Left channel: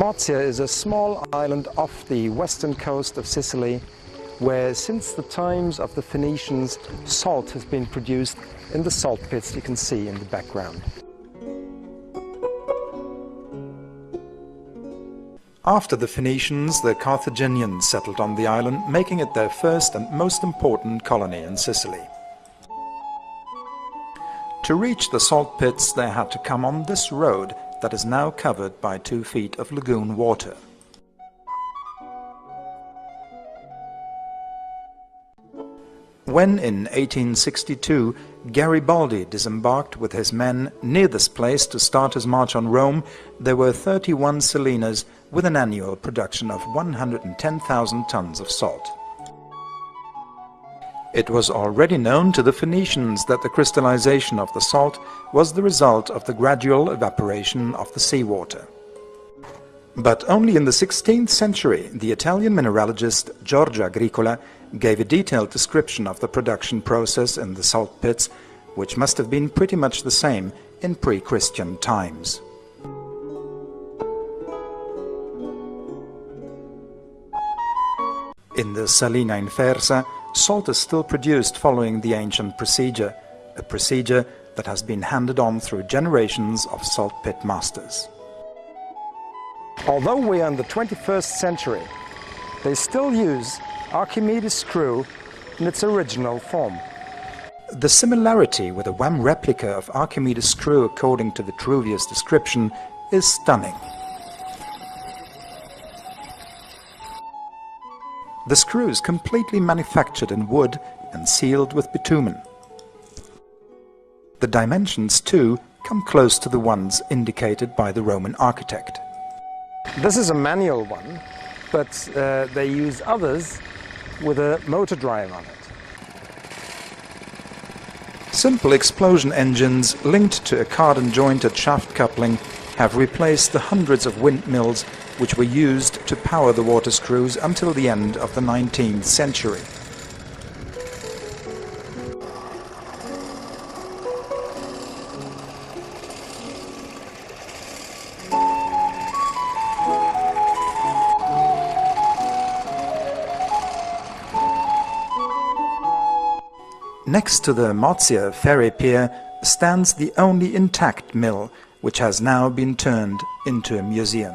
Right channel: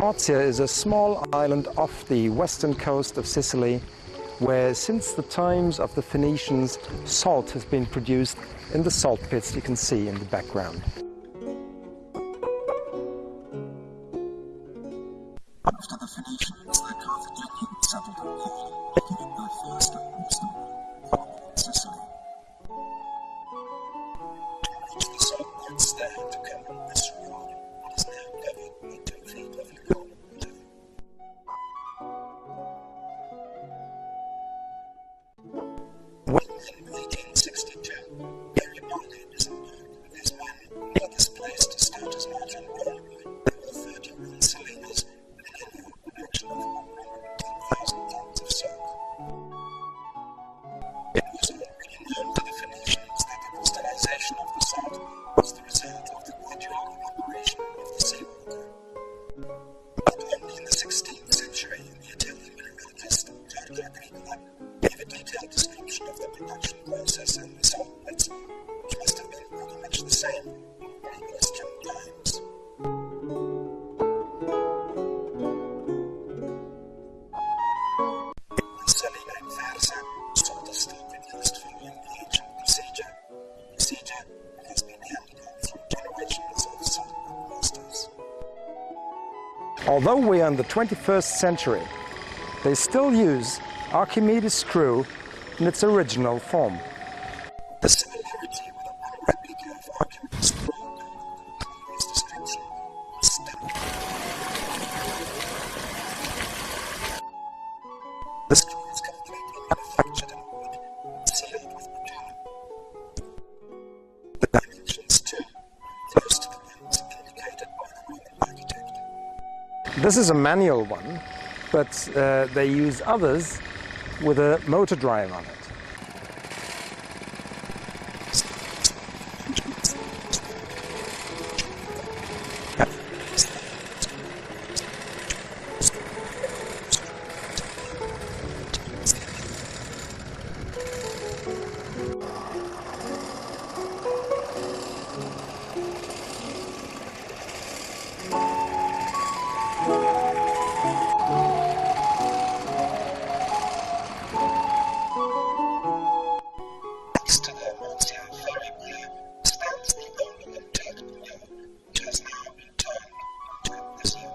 Mozia is a small island off the western coast of Sicily where since the times of the Phoenicians salt has been produced in the salt pits you can see in the background. After the Phoenicians, the Carthaginians settled on the island, making it their first and most important colony in Sicily. To reach the salt pits they had to come on this road that is now covered by 2 feet of lagoon water. When in 1862 Garibaldi disembarked with his men near this place to start his march on Rome, there were 31 salinas with an annual production of 110,000 tons of salt. It was already known to the Phoenicians that the crystallization of the salt was the result of the gradual evaporation of the seawater. But only in the 16th century the Italian mineralogist Giorgio Agricola gave a detailed description of the production process in the salt pits, which must have been pretty much the same in pre-Christian times. In the Salina in Fersa, salt is still produced following the ancient procedure, a procedure that has been handed on through generations of salt pit masters. Although we are in the 21st century, they still use Archimedes' screw in its original form. The similarity with a WAM replica of Archimedes' screw according to Vitruvius' description is stunning. The screw is completely manufactured in wood and sealed with bitumen. The dimensions, too, come close to the ones indicated by the Roman architect. This is a manual one, but they use others with a motor drive on it. Simple explosion engines linked to a card-and-jointed shaft coupling have replaced the hundreds of windmills which were used to power the water screws until the end of the 19th century. Next to the Mozia ferry pier stands the only intact mill, which has now been turned into a museum.